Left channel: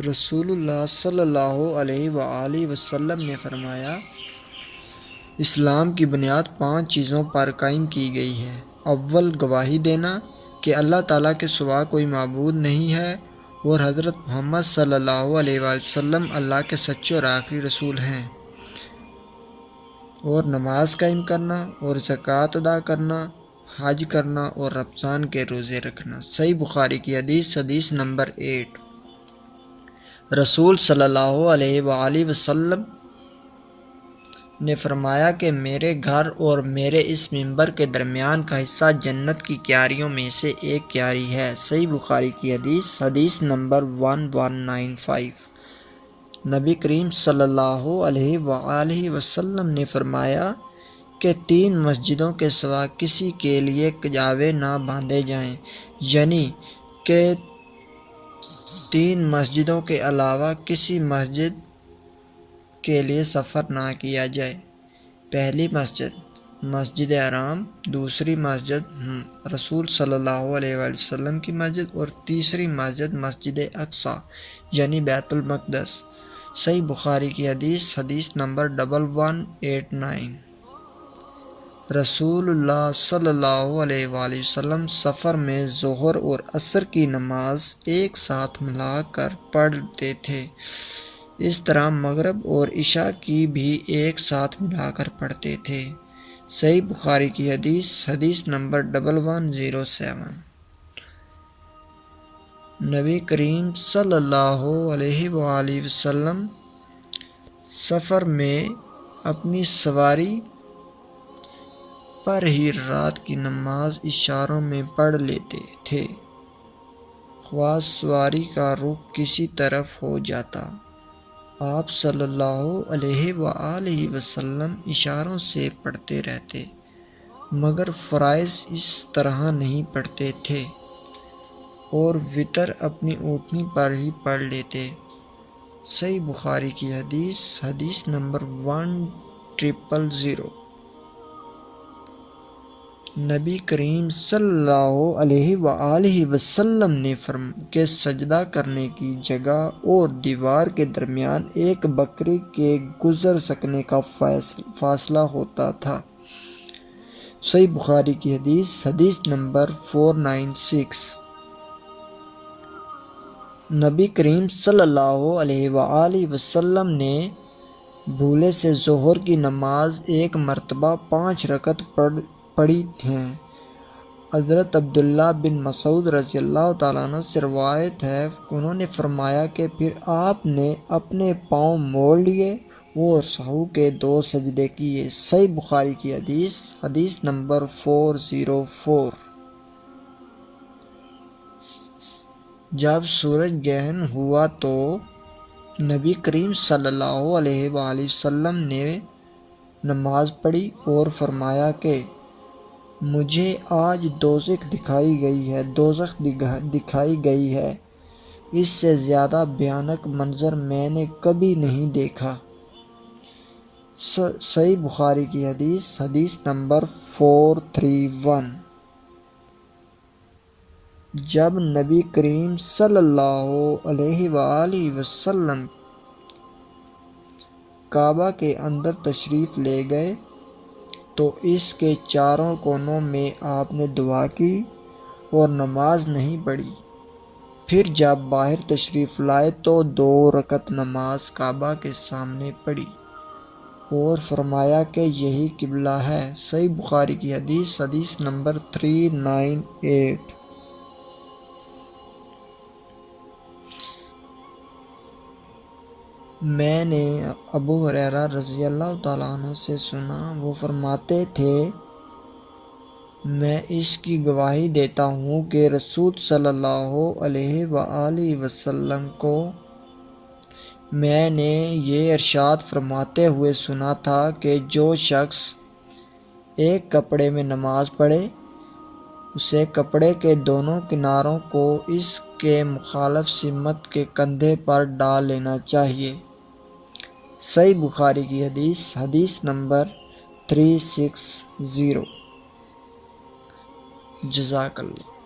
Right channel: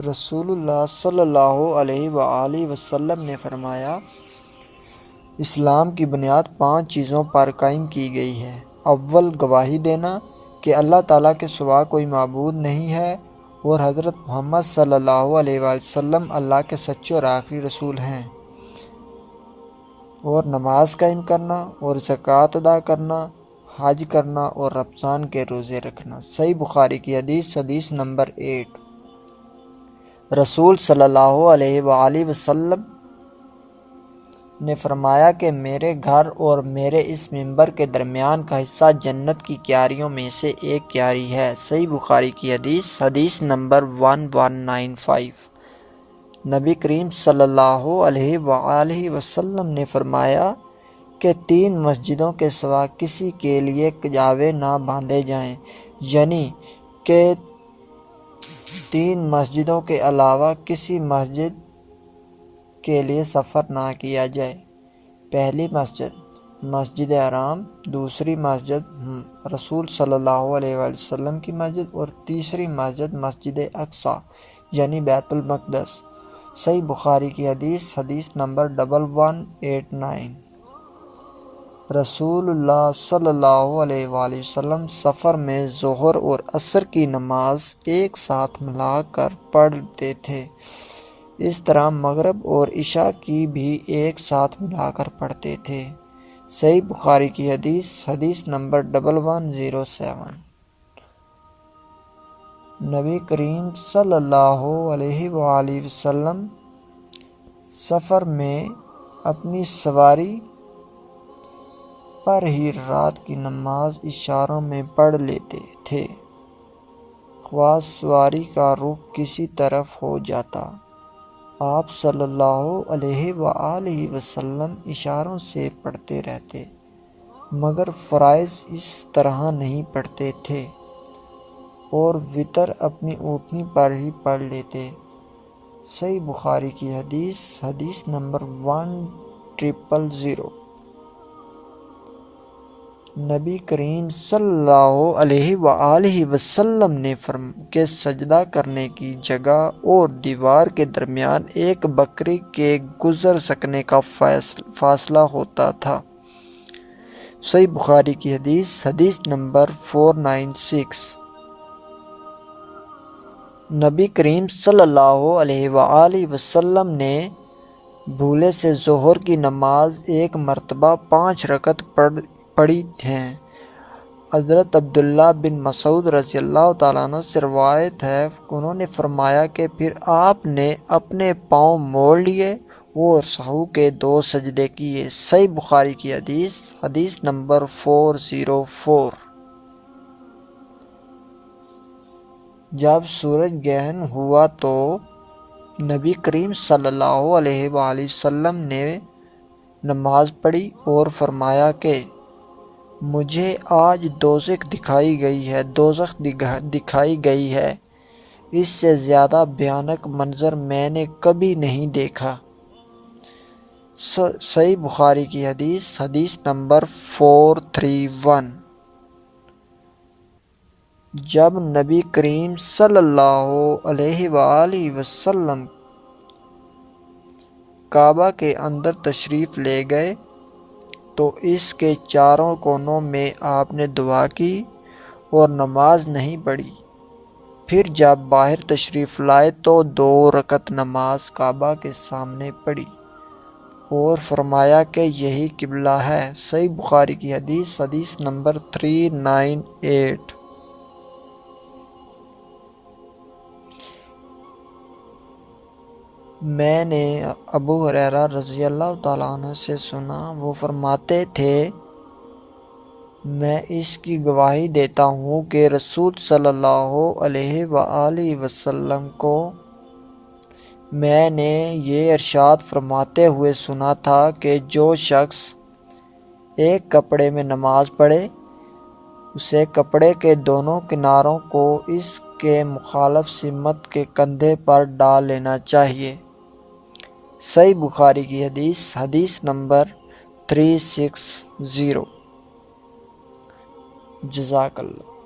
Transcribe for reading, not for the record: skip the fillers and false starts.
رسول اللہ صلی اللہ علیہ وآلہ وسلم نے فرمایا، اسلام کی بنیاد 5 چیزوں پر قائم کی گئی ہے۔ اول، گواہی دینا کہ اللہ تعالیٰ کے سوا کوئی معبود نہیں ہے اور حضرت محمد صلی اللہ علیہ وآلہ وسلم اللہ کے سچے اور آخری رسول ہیں، اور نماز قائم کرنا اور زکوٰۃ ادا کرنا، حج کرنا اور رمضان کے روزے رکھنا۔ صحیح بخاری کی حدیث نمبر 8۔ رسول صلی اللہ علیہ وآلہ وسلم نے فرمایا کہ میرے گھر اور میرے اس منبر کے درمیان کا حصہ جنت کی کیاریوں میں سے ایک کیاری ہے۔ صحیح بخاری کی حدیث نمبر 1195۔ نبی کریم صلی اللہ علیہ وآلہ وسلم نے فرمایا کہ 3 مسجدوں کے سوا کسی کے لیے کجاوے نہ باندھے جائیں، یعنی کہ 3 مسجدوں کے علاوہ کسی مسجد کے لیے سفر نہ کیا جائے۔ پہلی مسجد مسجد حرام، دوسری مسجد رسول صلی اللہ علیہ وآلہ وسلم کی مسجد، اور تیسری مسجد مسجد اقصی یعنی بیت المقدس۔ صحیح بخاری کی حدیث نمبر 1189۔ رسول اللہ صلی اللہ علیہ وآلہ وسلم سفر میں ظہر اور عصر کی نماز ایک ساتھ ملا کر پڑھتے تھے، اس طرح مغرب اور عشاء کی بھی ایک ساتھ ملا کر پڑھتے تھے۔ صحیح بخاری کی حدیث نمبر 1107۔ نبی کریم صلی اللہ علیہ وآلہ وسلم سفر میں اپنی سواری پر ہی رات کی نماز اشاروں میں پڑھ لیتے تھے، خواہ سواری کا رخ کسی طرف ہو جاتا، آپ صلی اللہ علیہ وآلہ وسلم اشاروں سے پڑھتے رہتے، مگر فرائض اس طرح نہیں پڑھتے تھے، اور وتر اپنی اونٹنی پر ہی پڑھ لیتے۔ صحیح بخاری کی حدیث نمبر 1000۔ نبی کریم صلی اللہ علیہ وآلہ وسلم نے کہ سجدہ کرنے کی جگہ اور دیوار کے درمیان ایک بکری کے گزر سکنے کا فاصلہ ہوتا تھا۔ صحیح بخاری کی حدیث نمبر 496۔ نبی کریم صلی اللہ علیہ وآلہ وسلم نے بھولے سے ظہر کی نماز ایک مرتبہ 5 رکعت پڑھی ہیں۔ حضرت عبداللہ بن مسعود رضی اللہ تعالیٰ عنہ سے روایت ہے، انہوں نے فرمایا کہ پھر آپ نے اپنے پاؤں موڑ لیے اور سہو کے 2 سجدے کیے۔ صحیح بخاری کی حدیث نمبر 404۔ جب سورج گرہن ہوا تو نبی کریم صلی اللہ علیہ وآلہ وسلم نے نماز پڑھی اور فرمایا کہ مجھے آج دوزخ دکھائی گئی ہے، اس سے زیادہ بھیانک منظر میں نے کبھی نہیں دیکھا۔ صحیح بخاری کی حدیث نمبر 431۔ جب نبی کریم صلی اللہ علیہ وآلہ وسلم کعبہ کے اندر تشریف لے گئے تو اس کے چاروں کونوں میں آپ نے دعا کی اور نماز نہیں پڑھی۔ پھر جب باہر تشریف لائے تو 2 رکعت نماز کعبہ کے سامنے پڑھی اور فرمایا کہ یہی قبلہ ہے۔ صحیح بخاری کی حدیث نمبر 398۔ میں نے ابو ہریرہ رضی اللہ تعالیٰ عنہ سے سنا، وہ فرماتے تھے، میں اس کی گواہی دیتا ہوں کہ رسول صلی اللہ علیہ وآلہ وسلم کو میں نے یہ ارشاد فرماتے ہوئے سنا تھا کہ جو شخص ایک کپڑے میں نماز پڑھے، اسے کپڑے کے دونوں کناروں کو اس کے مخالف سمت کے کندھے پر ڈال لینا چاہیے۔ صحیح بخاری کی حدیث نمبر 360۔ جزاک اللہ۔